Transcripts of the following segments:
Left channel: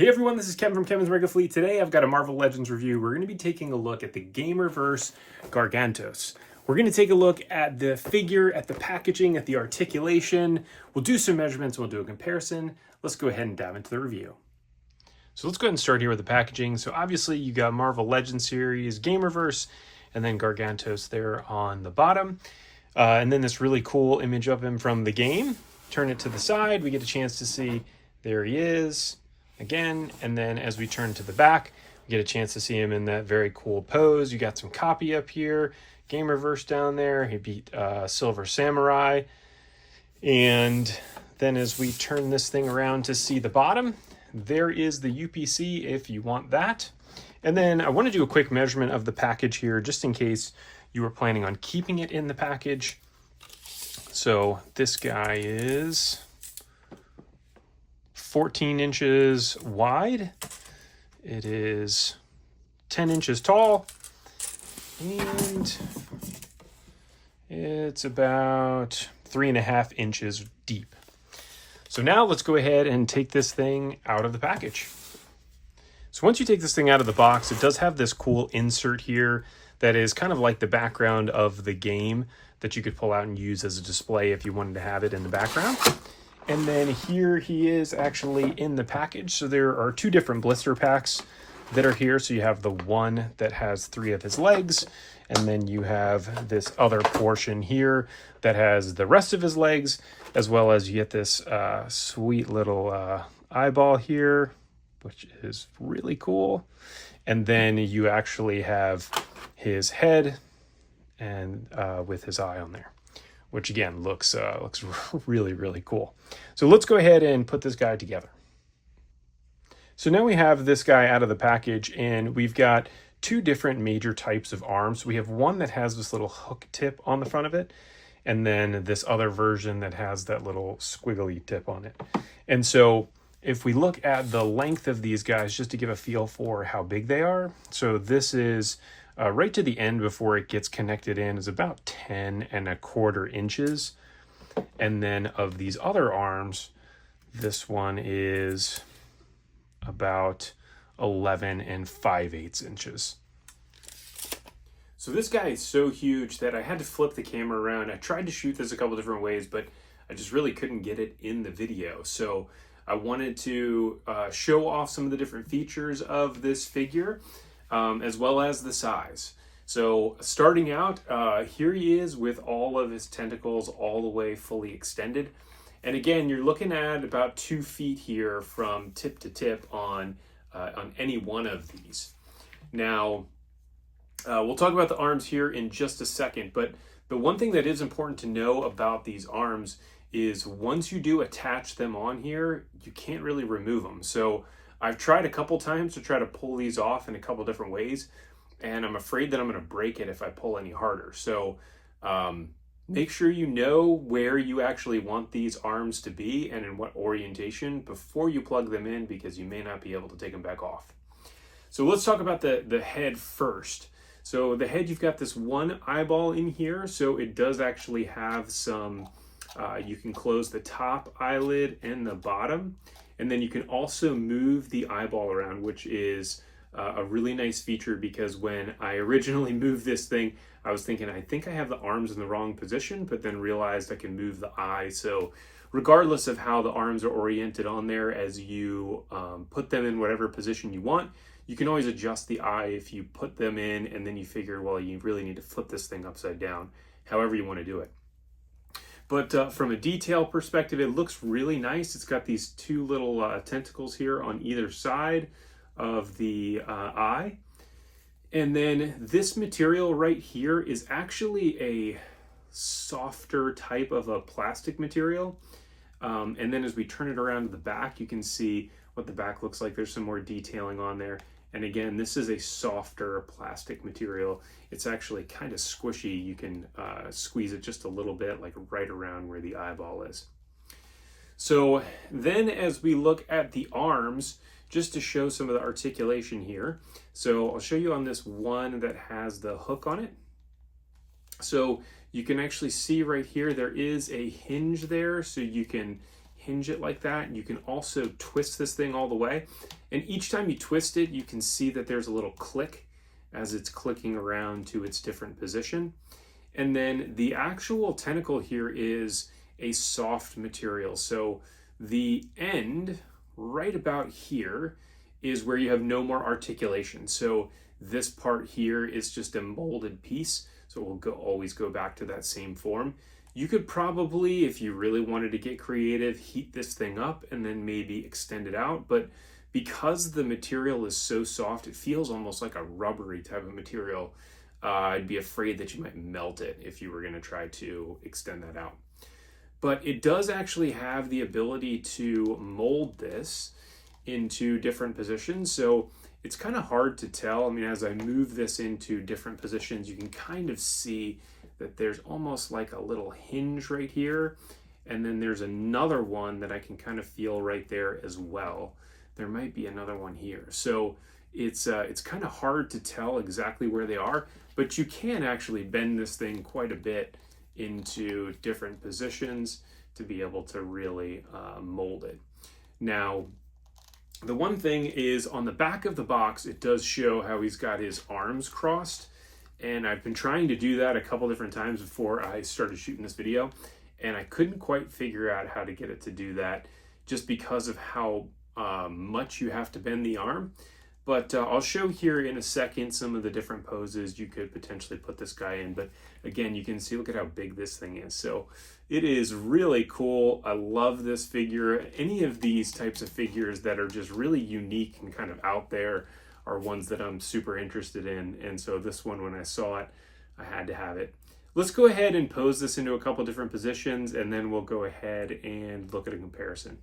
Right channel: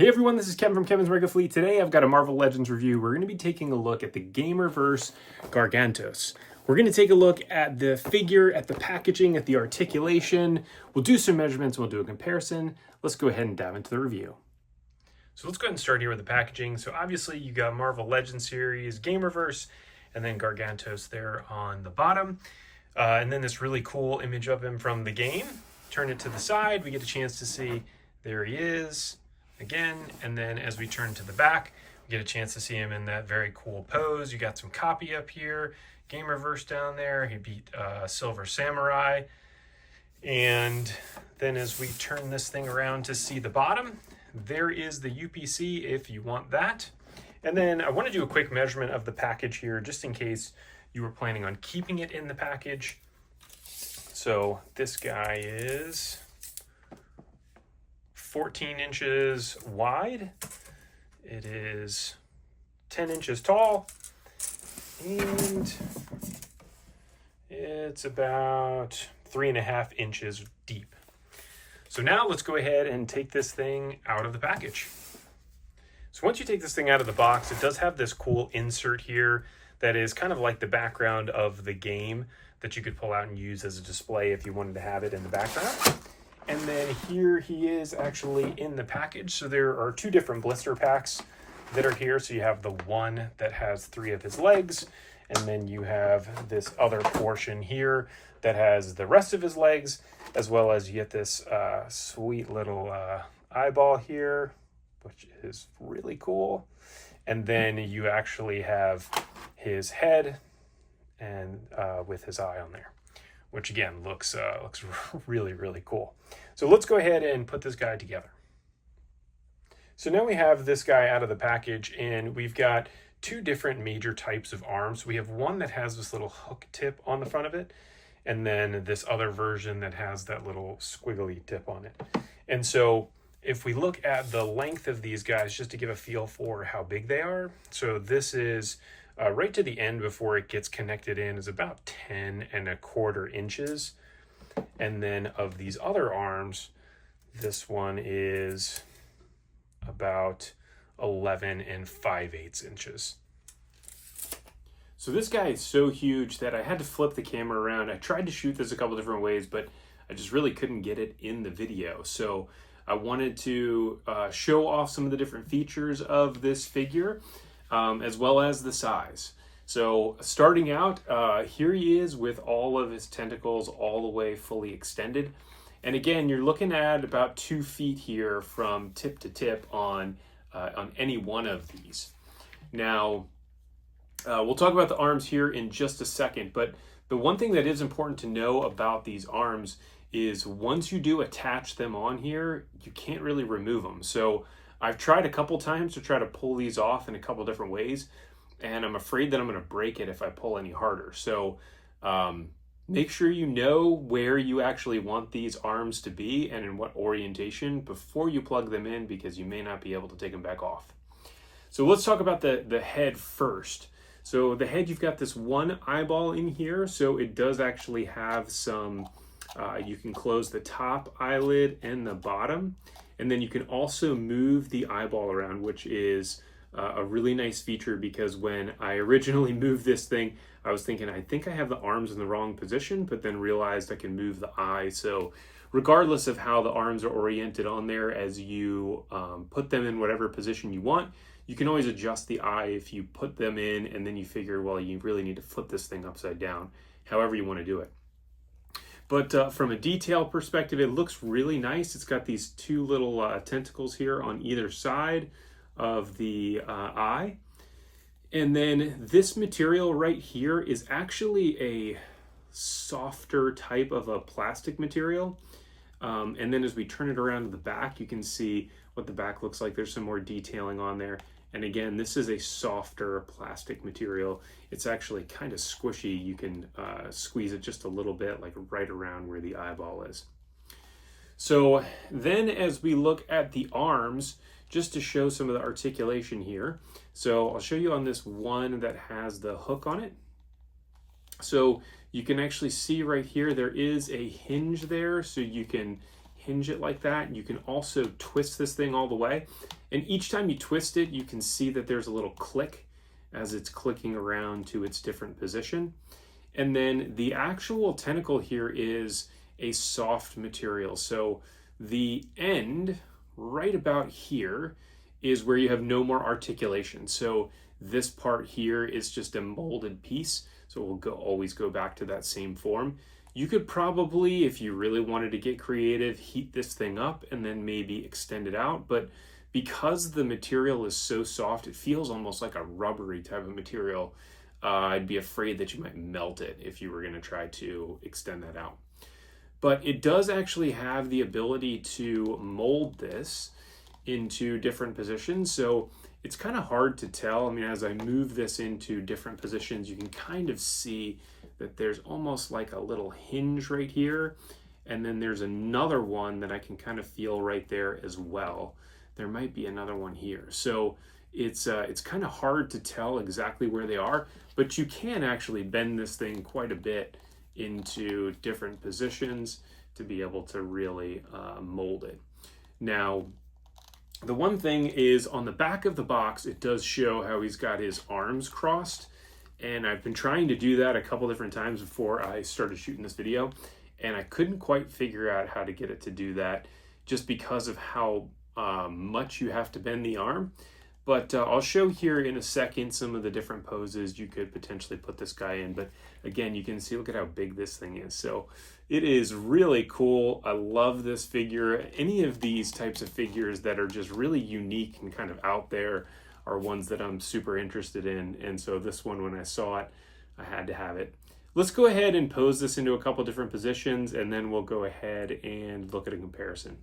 Hey everyone, this is Kevin from Kevin's Mega Fleet. Today I've got a Marvel Legends review. We're going to be taking a look at the Gamerverse Gargantos. We're going to take a look at the figure, at the packaging, at the articulation. We'll do some measurements, we'll do a comparison. Let's go ahead and dive into the review. So let's go ahead and start here with the packaging. So obviously you got Marvel Legends series, Gamerverse, and then Gargantos there on the bottom. And then this really cool image of him from the game. Turn it to the side, we get a chance to see, there he is. Again, and then as we turn to the back, we get a chance to see him in that very cool pose. You got some copy up here, Gamerverse down there. He beat Silver Samurai. And then as we turn this thing around to see the bottom, there is the UPC if you want that. And then I want to do a quick measurement of the package here, just in case you were planning on keeping it in the package. So this guy is 14 inches wide. It is 10 inches tall, and it's about 3.5 inches deep. So now let's go ahead and take this thing out of the package. So once you take this thing out of the box, it does have this cool insert here that is kind of like the background of the game that you could pull out and use as a display if you wanted to have it in the background. And then here he is actually in the package. So there are two different blister packs that are here. So you have the one that has 3 of his legs, and then you have this other portion here that has the rest of his legs, as well as you get this sweet little eyeball here, which is really cool. And then you actually have his head and with his eye on there, which again looks really, really cool. So let's go ahead and put this guy together. So now we have this guy out of the package, and we've got 2 different major types of arms. We have one that has this little hook tip on the front of it, and then this other version that has that little squiggly tip on it. And so if we look at the length of these guys, just to give a feel for how big they are, so this is right to the end before it gets connected in is about 10.25 inches. And then of these other arms, this one is about 11.5 inches. So this guy is so huge that I had to flip the camera around. I tried to shoot this a couple different ways, but I just really couldn't get it in the video. So I wanted to show off some of the different features of this figure, as well as the size. So starting out, here he is with all of his tentacles all the way fully extended. And again, you're looking at about 2 feet here from tip to tip on any one of these. Now, we'll talk about the arms here in just a second, but the one thing that is important to know about these arms is once you do attach them on here, you can't really remove them. So I've tried a couple times to try to pull these off in a couple different ways, and I'm afraid that I'm going to break it if I pull any harder. So make sure you know where you actually want these arms to be and in what orientation before you plug them in, because you may not be able to take them back off. So let's talk about the head first. So the head, you've got this one eyeball in here, so it does actually have some, you can close the top eyelid and the bottom, and then you can also move the eyeball around, which is a really nice feature, because when I originally moved this thing, I was thinking, I think I have the arms in the wrong position, but then realized I can move the eye. So regardless of how the arms are oriented on there, as you put them in whatever position you want, you can always adjust the eye if you put them in and then you figure, well, you really need to flip this thing upside down, however you want to do it. But from a detail perspective, it looks really nice. It's got these 2 little tentacles here on either side of the eye. And then this material right here is actually a softer type of a plastic material. And then as we turn it around to the back, you can see what the back looks like. There's some more detailing on there. And again, this is a softer plastic material. It's actually kind of squishy. You can squeeze it just a little bit, like right around where the eyeball is. So then as we look at the arms, just to show some of the articulation here. So I'll show you on this one that has the hook on it. So you can actually see right here, there is a hinge there, so you can hinge it like that. You can also twist this thing all the way. And each time you twist it, you can see that there's a little click as it's clicking around to its different position. And then the actual tentacle here is a soft material. So the end right about here is where you have no more articulation. So this part here is just a molded piece. So it will always go back to that same form. You could probably, if you really wanted to get creative, heat this thing up and then maybe extend it out. But because the material is so soft, it feels almost like a rubbery type of material. I'd be afraid that you might melt it if you were going to try to extend that out. But it does actually have the ability to mold this into different positions. So it's kind of hard to tell. I mean, as I move this into different positions, you can kind of see that there's almost like a little hinge right here. And then there's another one that I can kind of feel right there as well. There might be another one here. So it's kind of hard to tell exactly where they are, but you can actually bend this thing quite a bit into different positions to be able to really mold it. Now, the one thing is on the back of the box, it does show how he's got his arms crossed. And I've been trying to do that a couple different times before I started shooting this video. And I couldn't quite figure out how to get it to do that just because of how much you have to bend the arm. But I'll show here in a second some of the different poses you could potentially put this guy in. But again, you can see, look at how big this thing is. So it is really cool. I love this figure. Any of these types of figures that are just really unique and kind of out there are ones that I'm super interested in. And so this one, when I saw it, I had to have it. Let's go ahead and pose this into a couple different positions, and then we'll go ahead and look at a comparison.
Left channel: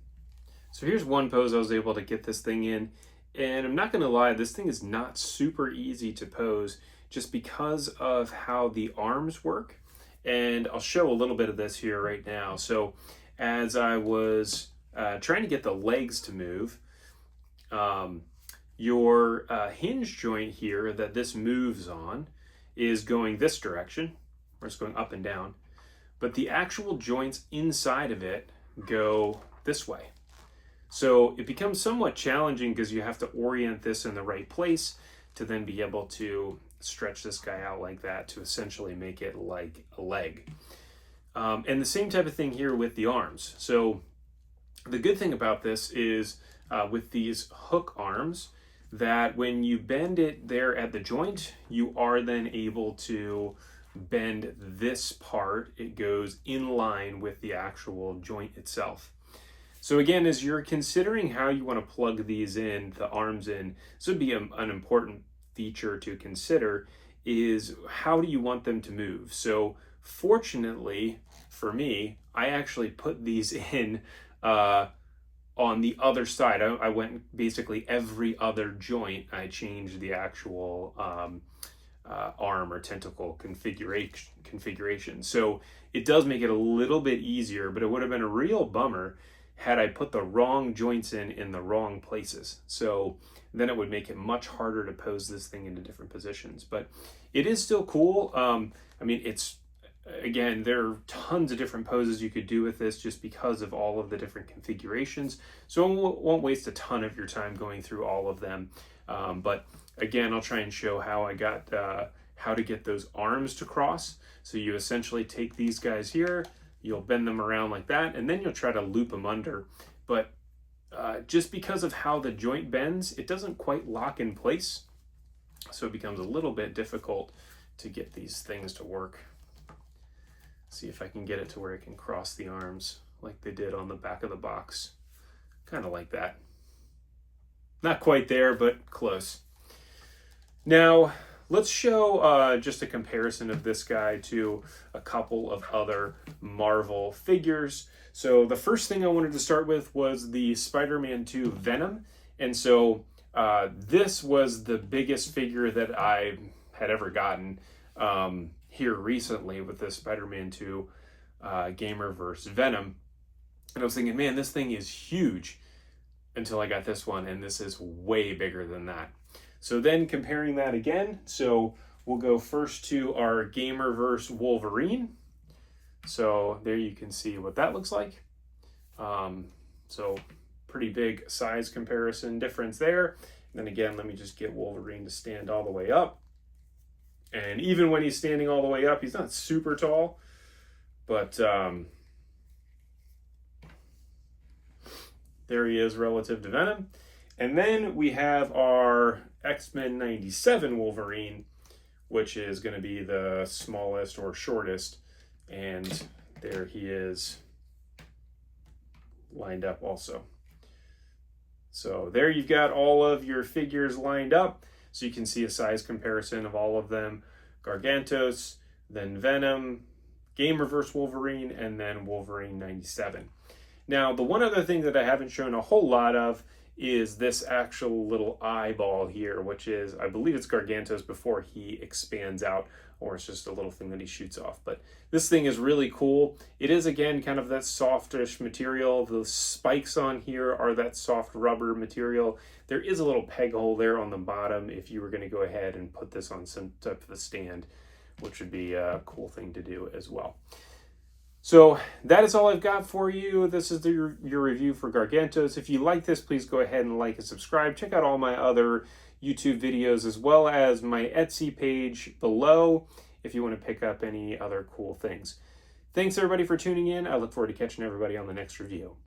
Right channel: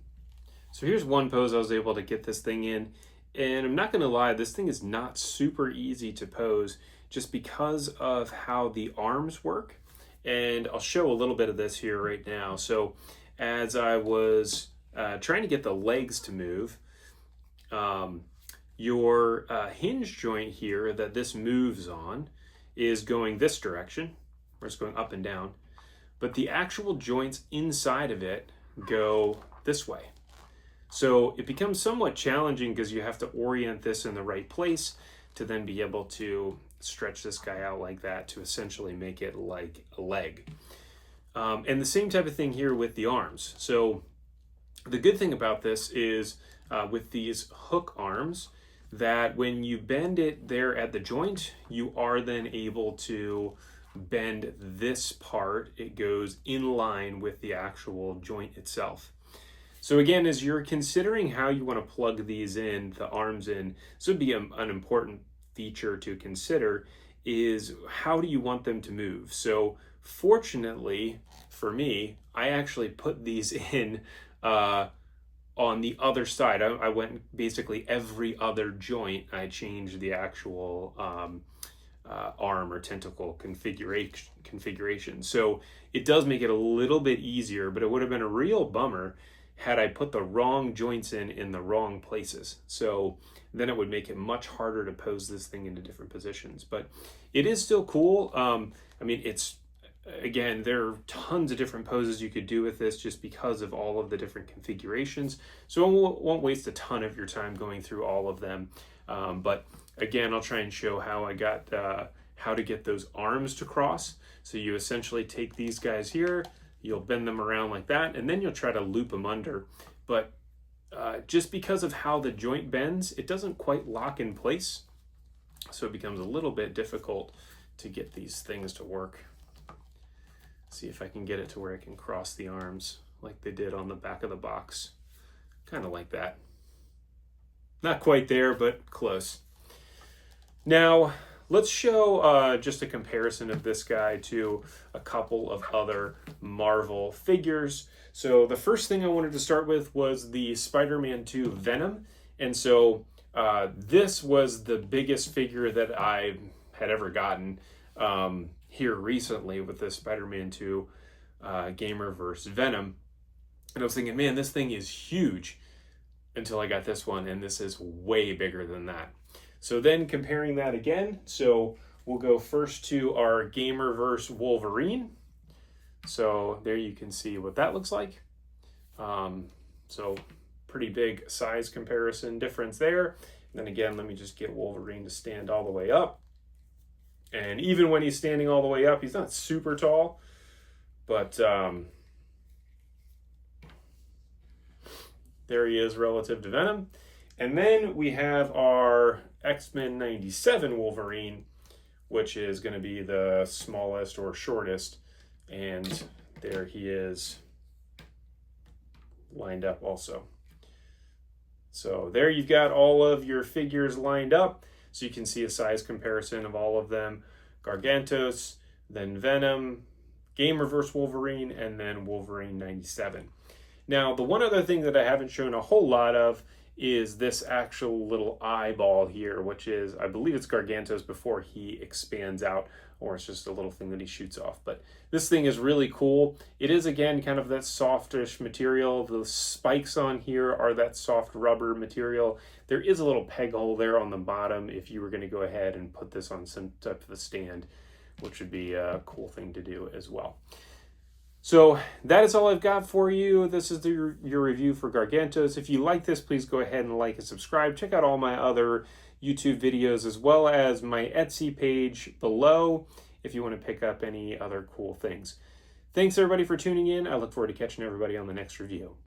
So here's one pose I was able to get this thing in. And I'm not going to lie, this thing is not super easy to pose just because of how the arms work. And I'll show a little bit of this here right now. So as I was trying to get the legs to move, your hinge joint here that this moves on is going this direction, or it's going up and down. But the actual joints inside of it go this way. So it becomes somewhat challenging because you have to orient this in the right place to then be able to stretch this guy out like that to essentially make it like a leg. And the same type of thing here with the arms. So the good thing about this is with these hook arms, that when you bend it there at the joint, you are then able to bend this part. It goes in line with the actual joint itself. So again, as you're considering how you want to plug these in, the arms in, this would be an important feature to consider, is how do you want them to move? So fortunately for me, I actually put these in on the other side. I went basically every other joint. I changed the actual arm or tentacle configuration. So it does make it a little bit easier, but it would have been a real bummer had I put the wrong joints in the wrong places. So then it would make it much harder to pose this thing into different positions. But it is still cool. I mean, it's, again, there are tons of different poses you could do with this just because of all of the different configurations. So I won't waste a ton of your time going through all of them. But again, I'll try and show how I got, how to get those arms to cross. So you essentially take these guys here, you'll bend them around like that, and then you'll try to loop them under. But just because of how the joint bends, it doesn't quite lock in place. So it becomes a little bit difficult to get these things to work. See if I can get it to where it can cross the arms like they did on the back of the box. Kind of like that. Not quite there, but close. Now, let's show just a comparison of this guy to a couple of other Marvel figures. So the first thing I wanted to start with was the Spider-Man 2 Venom. And so this was the biggest figure that I had ever gotten here recently with the Spider-Man 2 Gamerverse Venom. And I was thinking, man, this thing is huge, until I got this one, and this is way bigger than that. So then comparing that again, so we'll go first to our Gamerverse Wolverine. So there you can see what that looks like. So pretty big size comparison difference there. And then again, let me just get Wolverine to stand all the way up. And even when he's standing all the way up, he's not super tall, but there he is relative to Venom. And then we have our X-Men 97 Wolverine, which is going to be the smallest or shortest. And there he is lined up also. So there you've got all of your figures lined up. So you can see a size comparison of all of them. Gargantos, then Venom, Gamerverse Wolverine, and then Wolverine 97. Now, the one other thing that I haven't shown a whole lot of is this actual little eyeball here, which is, I believe it's Gargantos before he expands out, or it's just a little thing that he shoots off. But this thing is really cool. It is, again, kind of that softish material. The spikes on here are that soft rubber material. There is a little peg hole there on the bottom if you were going to go ahead and put this on some type of a stand, which would be a cool thing to do as well. So that is all I've got for you. This is your review for Gargantos. If you like this, please go ahead and like and subscribe. Check out all my other YouTube videos as well as my Etsy page below if you want to pick up any other cool things. Thanks everybody for tuning in. I look forward to catching everybody on the next review.